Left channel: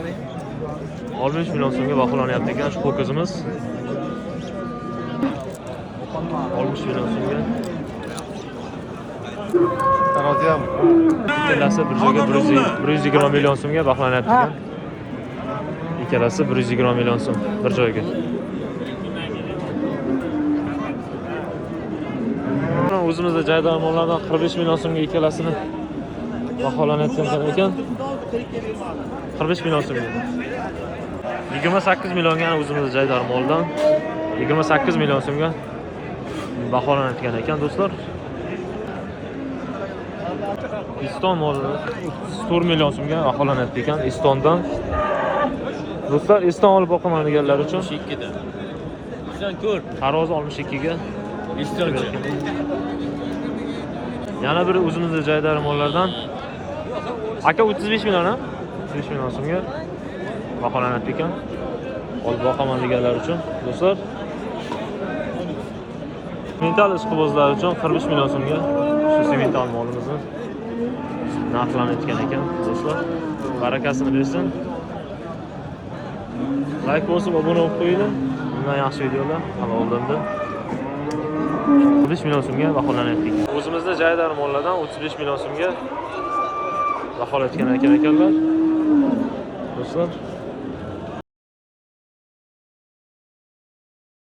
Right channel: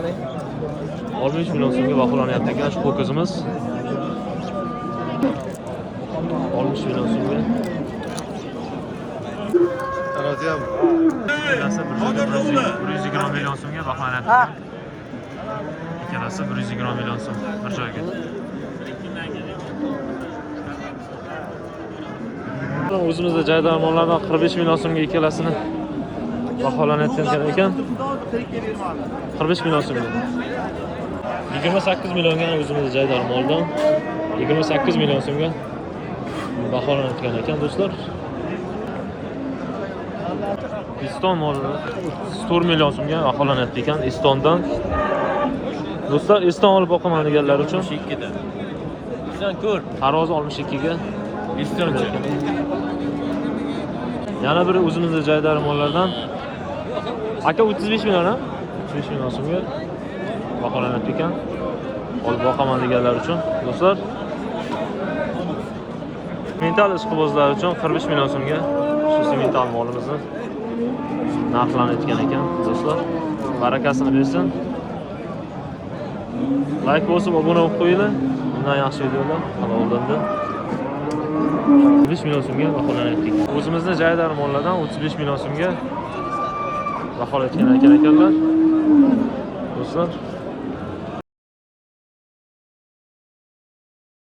60 million so'mga baholanyapti ekan ushbu qizimiz. 60 million so'mga. Ikkalasi bir joyga 120 million so'mga baholanyapti ekan. Ikkalasi 120 million so'm bir joyga. O'zimizda jaydor mollardan 45 million so'mga ikkalasini baholanayotgan ekan. 45 million so'mga. 28 millionga o'zimizda jaydor moldan 28 million so'mga baholanayotgan ekan do'stlar. 4 million so'mga baholanayapti ekan Estondan. Do'stlar, Eston olib boqaman deganlar uchun tarozi 62 ga yana bir o'zimizda jaydor mollardan aka 35 million ha? 35 million so'mga baholanayapti ekan. Olib boqaman deganlar uchun do'stlar. Mental ishqibozlar uchun 45 million so'mga shu semental molimizni narxlanayotgan ekan do'stlar. Barakasini bersin. Like bosib obuna bo'lib qo'yinglar. Bundan yaxshi videolar hali oldinda 35 million so'mga baholanayapti ekan. O'zimizda jaydor mollardan 35 million so'mga baholanayotgan ekanlar do'stlar.